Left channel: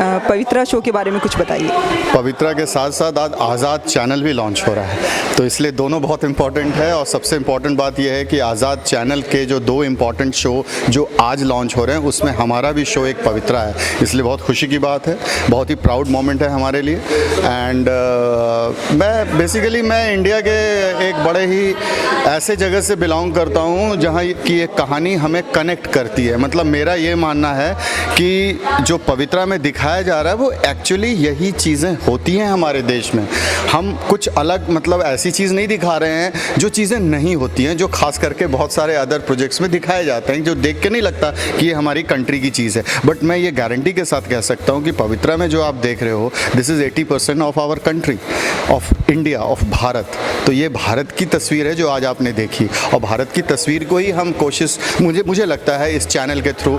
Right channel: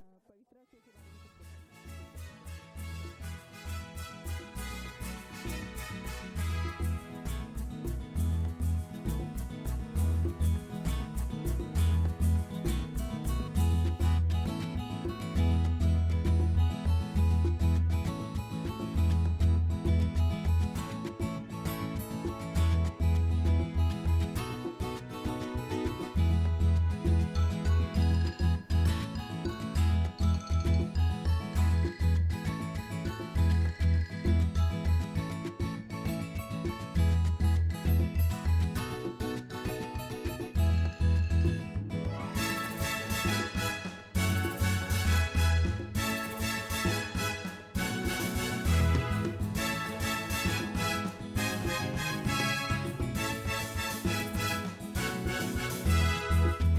पवित्रा show के बारे में कुछ बताइए। पवित्रा के साथ साथ आज आज़ाद चैनल भी लॉन्च हो रहा है, तो इसलिए दोनों बहुत इंपॉर्टेंट है। और सबसे इम्पॉर्टेंट बात यह है कि आज़ाद चैनल के जो 2 इम्पॉर्टेंट शो जो आज लॉन्च हो रहे हैं उसमें हमारा भी शो एक पवित्रा है, इसलिए बहुत खुशी की बात है, बहुत ही प्राउड मोमेंट है हमारे लिए। एंड मैं इंडिया के एक बड़े ही ऐसे जगह से बिलोंग करता हूँ जहाँ की एक कहानी हमें कनेक्ट करती है। मतलब मेरा ये मानना है कि जो पवित्रा में दिखाया जा रहा है वो एक्चुअली यही चीज़ें होती हैं हमारे देश में। हम कुछ अलग मतलब ऐसी चीज़ नहीं दिखा रहे हैं जो चीज़ें नहीं होती हैं, जो खास करके बहुत सारे अदर प्रोजेक्ट्स में दिखाए जाते हैं, जो देख के नहीं लगता कि ये हमारी कंट्री की चीज़ है। बट मैं ये गारंटी के साथ कह सकता हूँ कि पवित्रा में जो आप देख रहे हो this is 80% of our country, of India, of Bharat. तो ये भारत की तस्वीर है जो आज आपने देखी, और भारत की तस्वीर को ही हम कोशिश मुझे लगता है इस चैनल के थ्रू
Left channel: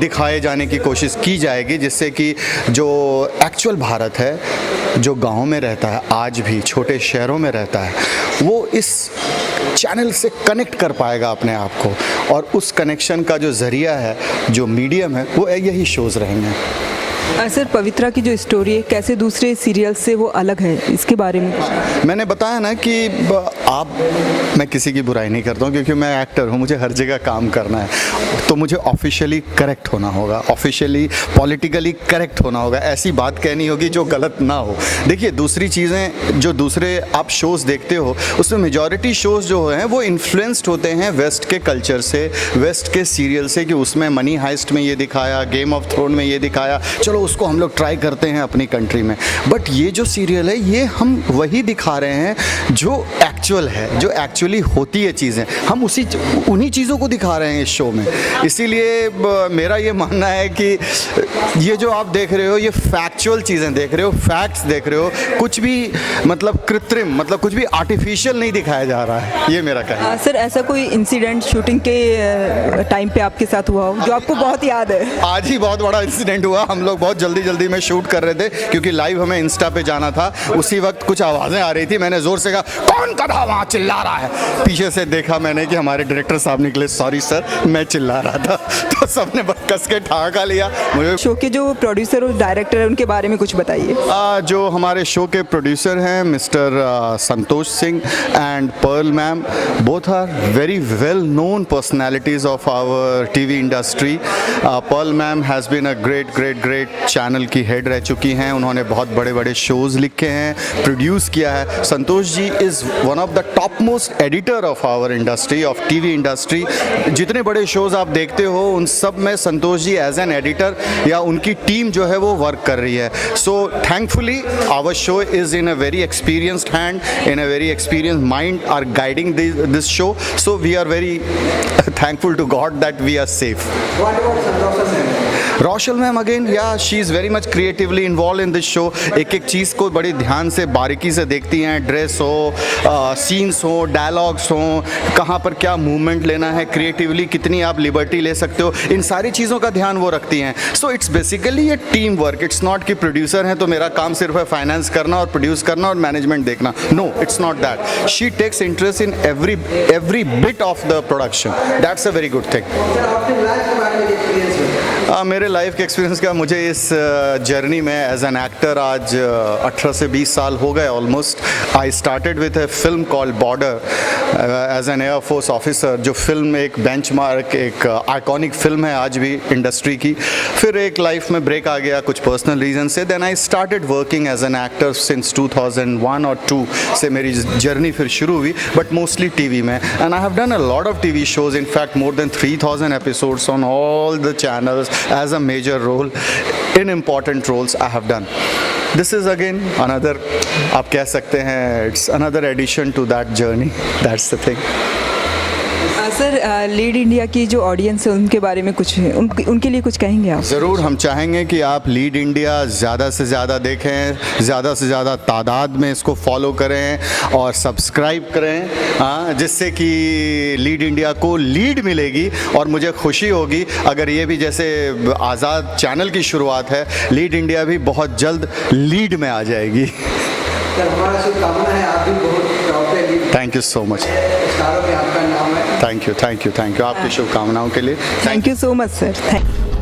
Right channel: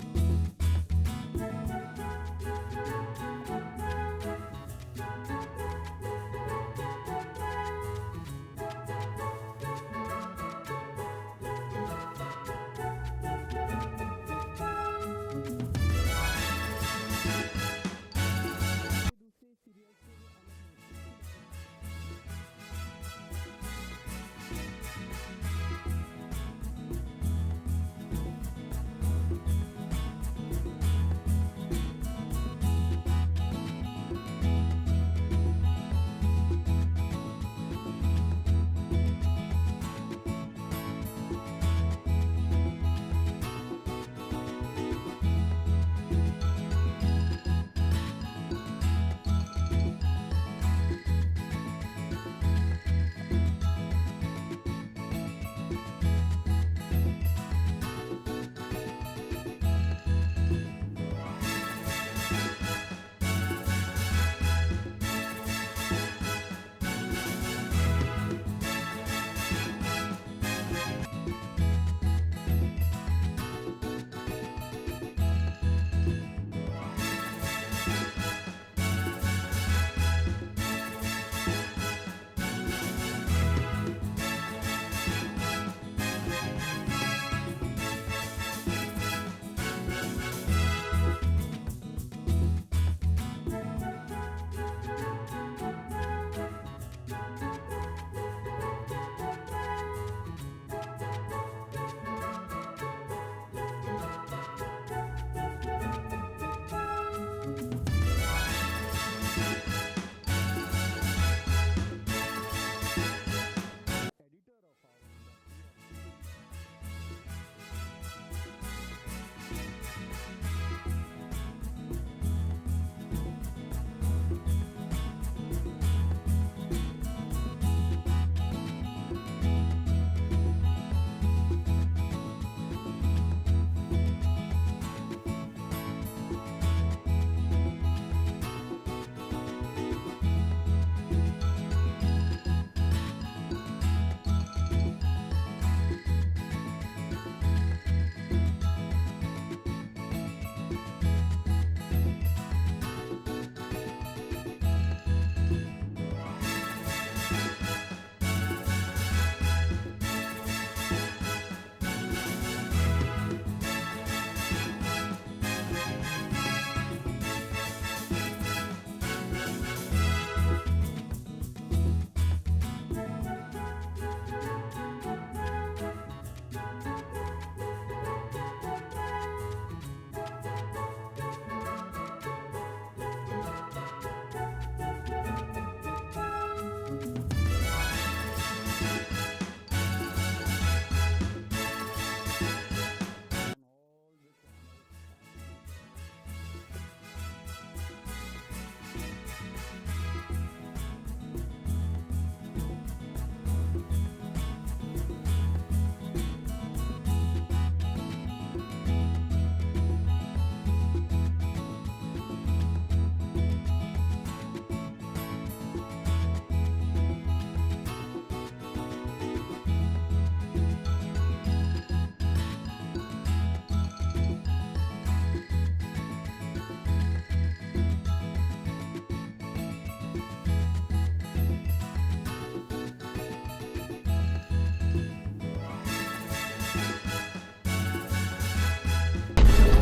दिखाए जाने की कोशिश की जाएगी, जिससे कि जो एक्चुअल भारत है, जो गाँव में रहता है, आज भी छोटे शहरों में रहता है, वो इस चैनल से कनेक्ट कर पाएगा अपने आप को। और उस कनेक्शन का जो ज़रिया है, जो मीडियम है, वो यही शोज़ रहेंगे। सर, पवित्रा की जो स्टोरी है कैसे दूसरे सीरियल से वो अलग है, इसके बारे में मैंने बताया ना कि मैं किसी की बुराई नहीं करता हूँ, क्योंकि मैं एक्टर हूँ, मुझे हर जगह काम करना है, तो मुझे ऑफिशियली करेक्ट होना होगा, ऑफिशियली पॉलिटिकली करेक्ट होना होगा, ऐसी बात कहनी होगी जो गलत ना हो। देखिए, दूसरी चीज़ें जो दूसरे आप शोज़ देखते हो उसमें मेजॉरिटी शोज़ जो हैं वो इन्फ्लुएंस्ड होते हैं वेस्ट के कल्चर से, वेस्ट के सीरियल से, कि उसमें मनी हाइस्ट में ये दिखाया, गेम ऑफ थ्रोन में ये दिखाया, चलो उसको हम लोग ट्राई करते हैं अपनी कंट्री में। बट ये जो सीरियल है ये हम वही दिखा रहे हैं जो एक्चुअल है, जो एक्चुअली होती है चीज़ें, हम उन्हीं चीज़ों को दिखा रहे हैं इस शो में। इसीलिए मेरा ये मानना है कि ये जो आप देख रहे हो ये फैक्चुअल चीज़ें देख रहे हो, फैक्ट्स देख रहे हो, कुछ भी मतलब कृत्रिम, मतलब कुछ भी आर्टिफिशियल नहीं दिखाया जा रहा है, ये मेरा कहना है। सर, ऐसा कोई इंसिडेंट शूटिंग के टाइम पे आपके साथ हुआ हो जो आपको बहुत याद है? आज ही बहुत बड़ा इंसिडेंट हुआ। हम लोग बहुत जल्दी में शूट कर रहे थे, क्योंकि लाइव हमें इंस्टा पे जाना था। उसी वक्त कुछ आवाज़ें आ रही थी, मैंने ज़ोर से कहा, कौन गधा वहाँ चिल्ला रहा है? पीछे से देखा मैंने कि हमारे डायरेक्टर साहब निकले, सॉरी सर, मैं चिल्ला रहा था। तो सबने कस के ठहाका लिया। मुझे शो के जो प्रोड्यूसर और डायरेक्टर है उनके बारे में कुछ बताइए। जो हमारे शो के प्रोड्यूसर हैं mister Santosh Singh and Pearl ma'am, both are very well known personalities of our TV industry. Pearl ma'am has been a great channel की हेड रह चुकी हैं, उन्होंने बहुत बड़े शोज़ लिखे हैं, प्रोड्यूस किया है। Santosh ji is one of the top most editor of our industry, of TV industry. जितने बड़े शोज़ आप देखते हो उन सब में Santosh ji as an editor या उनकी टीम जो है वो वर्क कर रही है। So thankfully our show is in a very experienced hand, in a very experienced mind are guiding this show. So we are very thankful to God that we are safe. What about Roshal ma'am again, या she is very much creatively involve in this show. एक चीज़ को बड़ी ध्यान से बारीकी से देखती हैं, ड्रेस हो, सीन्स हो, डायलॉग्स हो, कहाँ पर क्या मूवमेंट लेना है, क्रिएटिवली कितनी आप लिबर्टी ले सकते हो, इन सारी चीज़ों का ध्यान वो रखती हैं। सो इट्स बेसिकली ये टीम वर्क। इट्स नॉट कि प्रोड्यूसर हैं तो मेरा काम सिर्फ है फाइनेंस करना और प्रोड्यूस करना और मैनेजमेंट देखना। No, it's not that. She takes interest in every bit of the production. That's a very good thing. मेरे लाइफ के एक्सपीरियंस का, मुझे इस जर्नी में एज एन एक्टर आज 18 से 20 साल हो गए almost. I started with a film called Border as an air force officer, जो फिल्म एक बेंचमार्क, एक आइकॉनिक फिल्म है आज भी इंडस्ट्री की। फिर एक लाइफ में ब्रेक आ गया कुछ पर्सनल रीजन से। Then I started working as an actor since 2001 और 2 से मेरी जर्नी फिर शुरू हुई, बट मोस्टली टीवी में। And I have done a lot of TV shows, in fact more than 3000 episodes on all the channels as a major role in important roles I have done. This is again another, आप कह सकते हैं, it's another addition to that journey. That's the thing. Sir, lead India की जो audience है उनके बारे में कुछ, उनके लिए कुछ कहेंगे आप? ज़रूर, हम चाहेंगे कि आप लीड इंडिया ज़्यादा से ज़्यादा देखें, ज़्यादा से ज़्यादा तादाद में इसको फॉलो करें और सब्सक्राइब करें, हाँ, जिससे कि लीड इंडिया को लीड मिलेगी। और मुझे खुशी होगी अगर ये भी, जैसे आज़ाद चैनल की शुरुआत है, लीड इंडिया भी बहुत जल्द लीड में आ जाएगी। हमारा शुभकामना है, आप भी बहुत प्राउड है। Thank you so much. स्टारों में आपका नाम है। थैंक यू आपकी शुभकामनाओं के लिए। Thank you so much sir, thank you.